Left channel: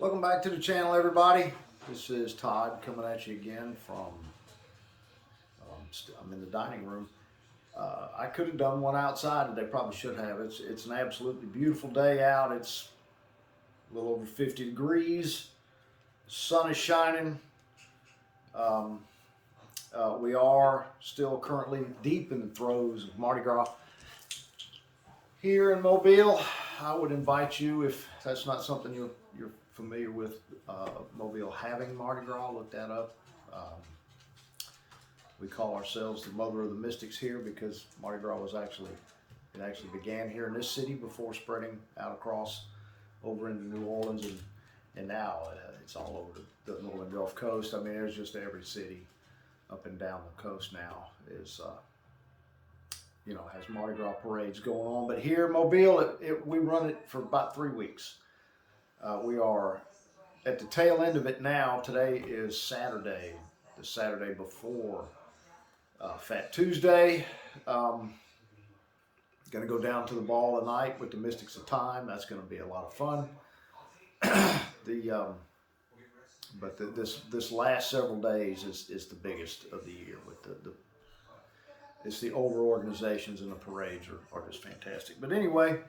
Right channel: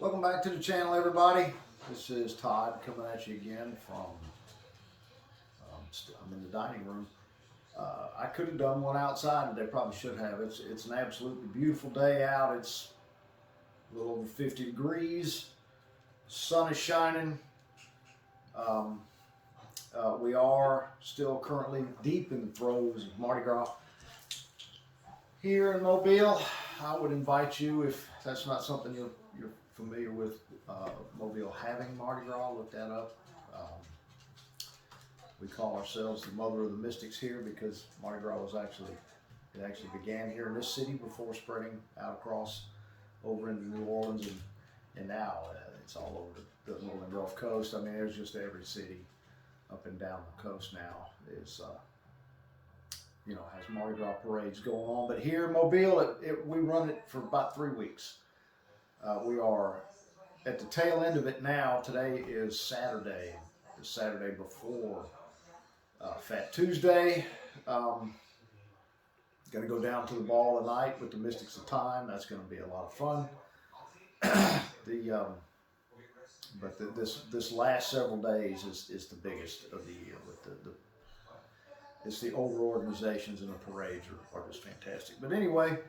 Welcome back to the channel, everybody. This is Todd coming at you again from, I'm in the dining room. I could have done one outside today, probably should have. It's an absolutely beautiful day out. It's a little over 50 degrees. Sun is shining. We are still currently deep in the throes of Mardi Gras here in Mobile. I would invite you, if that's not something you're familiar with, Mobile having Mardi Gras, look that up. We call ourselves the mother of the mystics here because Mardi Gras actually began here in this city before spreading out across over into New Orleans, and now it's all over the northern Gulf Coast. I mean, there's just every city up and down the coast now is has Mardi Gras parades going on. But here in Mobile, we run it for about 3 weeks. We are at the tail end of it now. Today is Saturday, the Saturday before Fat Tuesday. Going to go down to the ball tonight with the Mystics of Time. That's going to be a lot of fun. This last several days is the biggest of the year. With it's the older organizations, and the parades are just fantastic. But anyway,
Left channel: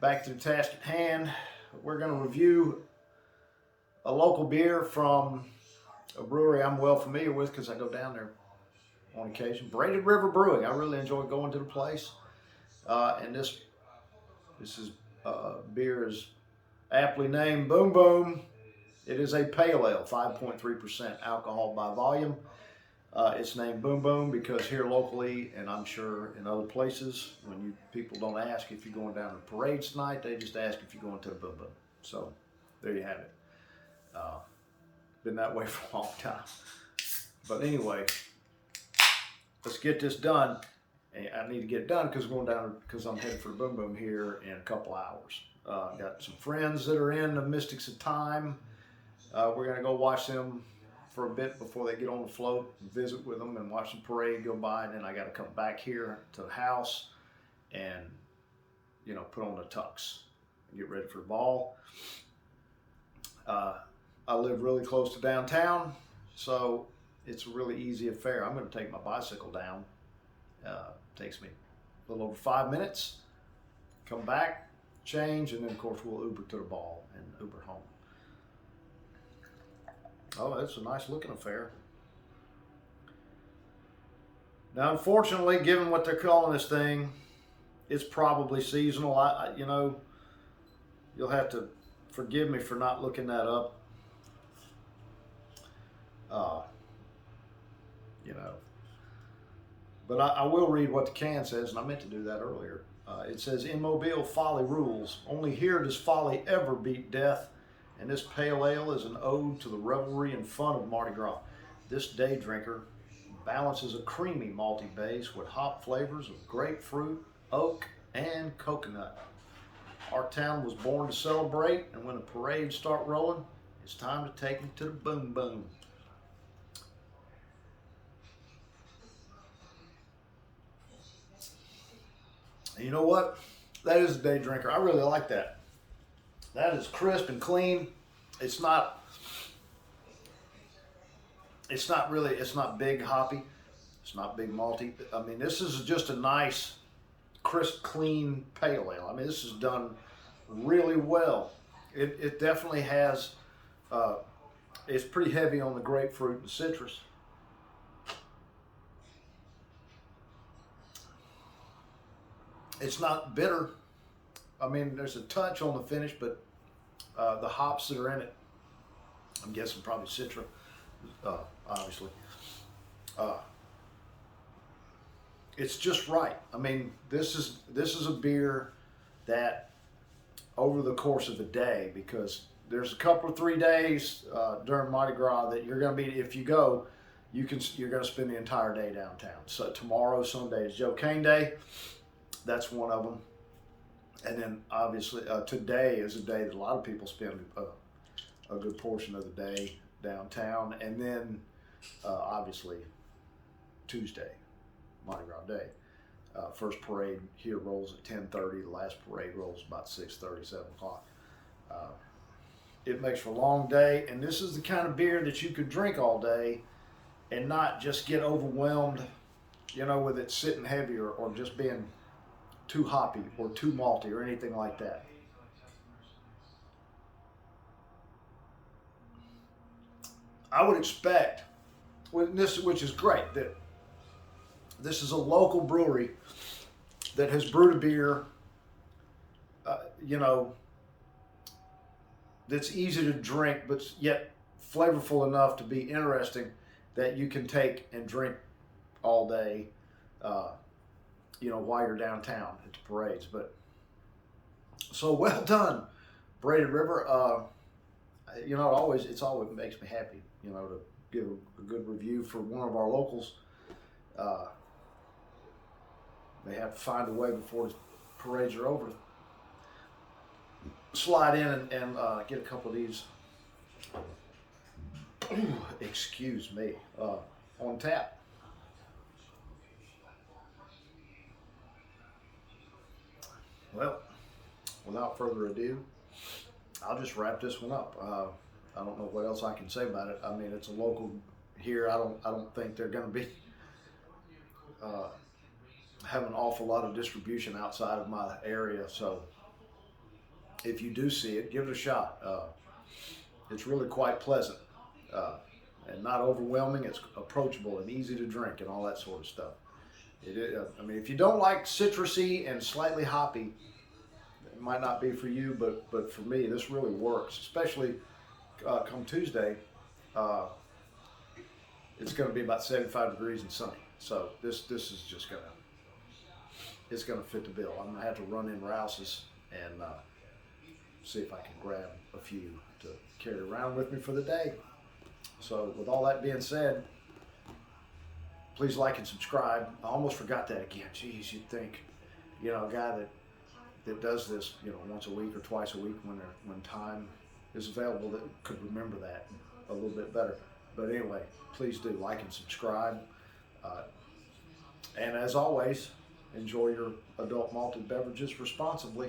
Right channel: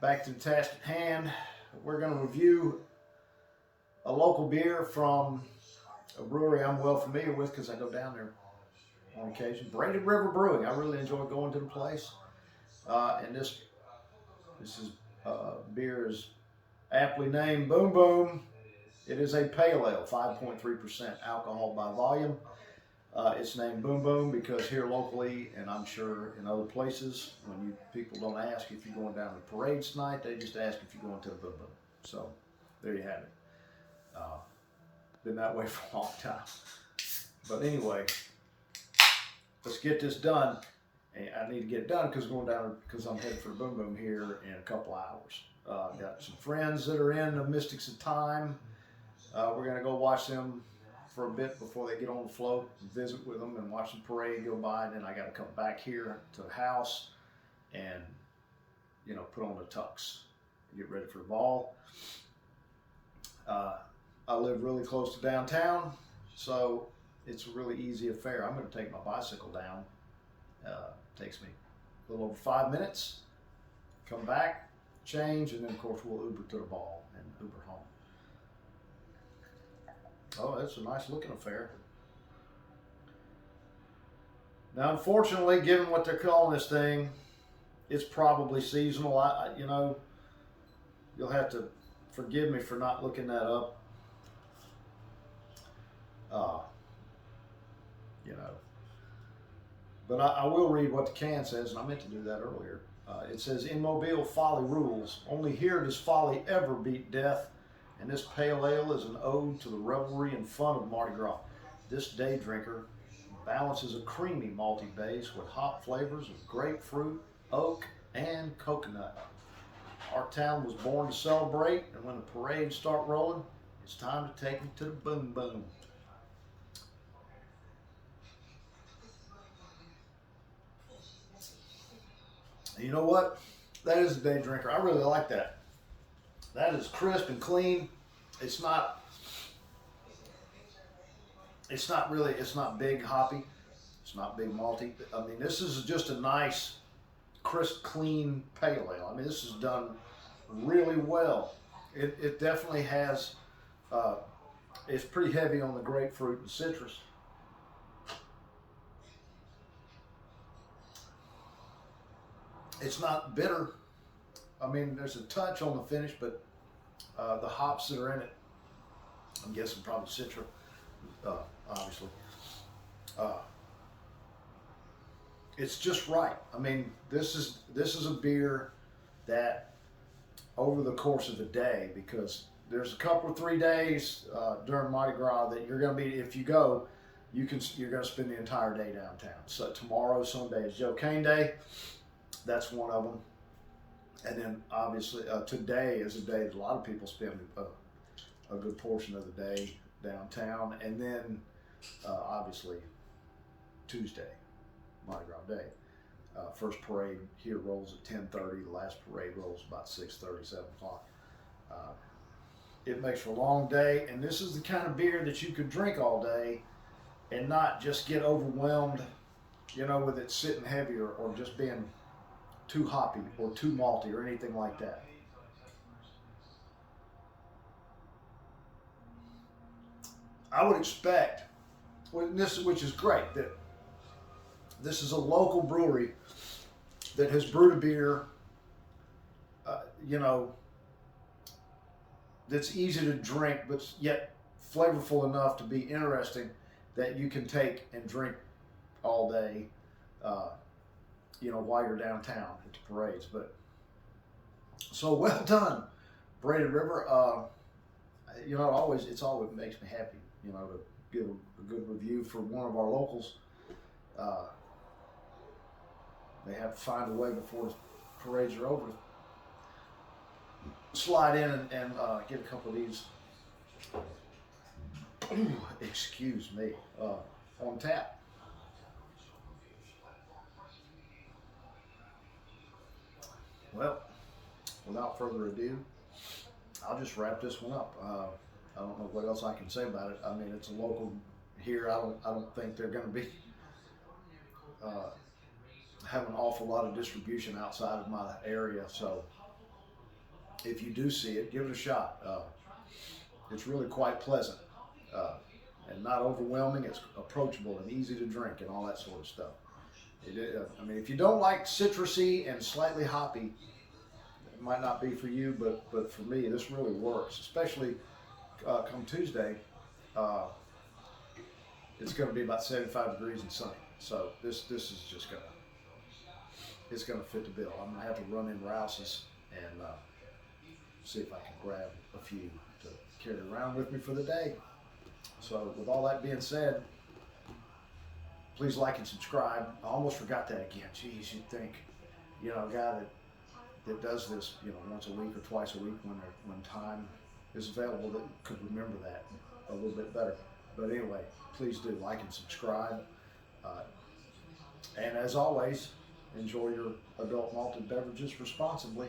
back to the task at hand. We're going to review a local beer from a brewery I'm well familiar with because I go down there on occasion. Braided Brewing. I really enjoy going to the place. And this beer is aptly named Boom Boom. It is a pale ale, 5.3% alcohol by volume. It's named Boom Boom because here locally, and I'm sure in other places, when people don't ask if you're going down to the parades tonight, they just ask if you're going to the Boom Boom. So there you have it. Been that way for a long time. But anyway, let's get this done. And I need to get it done because I'm headed for the Boom Boom here in a couple hours. Got some friends that are in the Mystics of Time. We're going to go watch them for a bit before they get on the float and visit with them and watch the parade go by. And then I got to come back here to the house and, put on the tux and get ready for the ball. I live really close to downtown, so it's a really easy affair. I'm going to take my bicycle down. Takes me a little over 5 minutes. Come back, change, and then of course we'll Uber to the ball and Uber home. Oh, it's a nice looking affair. Now, unfortunately, given what they're calling this thing, it's probably seasonal. You'll have to forgive me for not looking that up. But I will read what the can says, and I meant to do that earlier. It says, in Mobile, folly rules. Only here does folly ever beat death. And this pale ale is an ode to the revelry and fun of Mardi Gras. This day drinker balances a creamy malty base with hop flavors of grapefruit, oak, and coconut. Our town was born to celebrate, and when the parades start rolling, it's time to take them to the Boom Boom. You know what? That is a day drinker. I really like that. That is crisp and clean. It's not big hoppy. It's not big malty. I mean, this is just a nice, crisp, clean pale ale. I mean, this is done really well. It definitely has, it's pretty heavy on the grapefruit and citrus. It's not bitter. I mean, there's a touch on the finish, but the hops that are in it, I'm guessing probably Citra, obviously. It's just right. I mean, this is a beer that over the course of the day, because there's a couple of 3 days during Mardi Gras that you're going to be, if you go, you're going to spend the entire day downtown. So tomorrow, Sunday is Joe Cane Day. That's one of them. And then obviously today is a day that a lot of people spend a good portion of the day downtown. And then obviously Tuesday, Mardi Gras Day. First parade here rolls at 10:30. The last parade rolls about 6:30, 7 o'clock. It makes for a long day, and this is the kind of beer that you could drink all day and not just get overwhelmed, with it sitting heavy or just being too hoppy or too malty or anything like that. I would expect, which is great, that this is a local brewery that has brewed a beer, you know, that's easy to drink, but yet flavorful enough to be interesting that you can take and drink all day, while you're downtown at the parades. But so well done, Braided River. It always makes me happy, to give a good review for one of our locals. They have to find a way before the parades are over to slide in and get a couple of these, excuse me, on tap. Well, without further ado, I'll just wrap this one up. I don't know what else I can say about it. I mean, it's a local here. I don't think they're going to be have an awful lot of distribution outside of my area. So if you do see it, give it a shot. It's really quite pleasant and not overwhelming. It's approachable and easy to drink and all that sort of stuff. If you don't like citrusy and slightly hoppy, it might not be for you, but for me, this really works, especially come Tuesday. It's going to be about 75 degrees and sunny. So this is just it's going to fit the bill. I'm going to have to run in Rouse's and see if I can grab a few to carry around with me for the day. So with all that being said, please like and subscribe. I almost forgot that again. Geez, you'd think, a guy that does this, once a week or twice a week when time is available, that could remember that a little bit better. But anyway, please do like and subscribe. And as always, enjoy your adult malted beverages responsibly.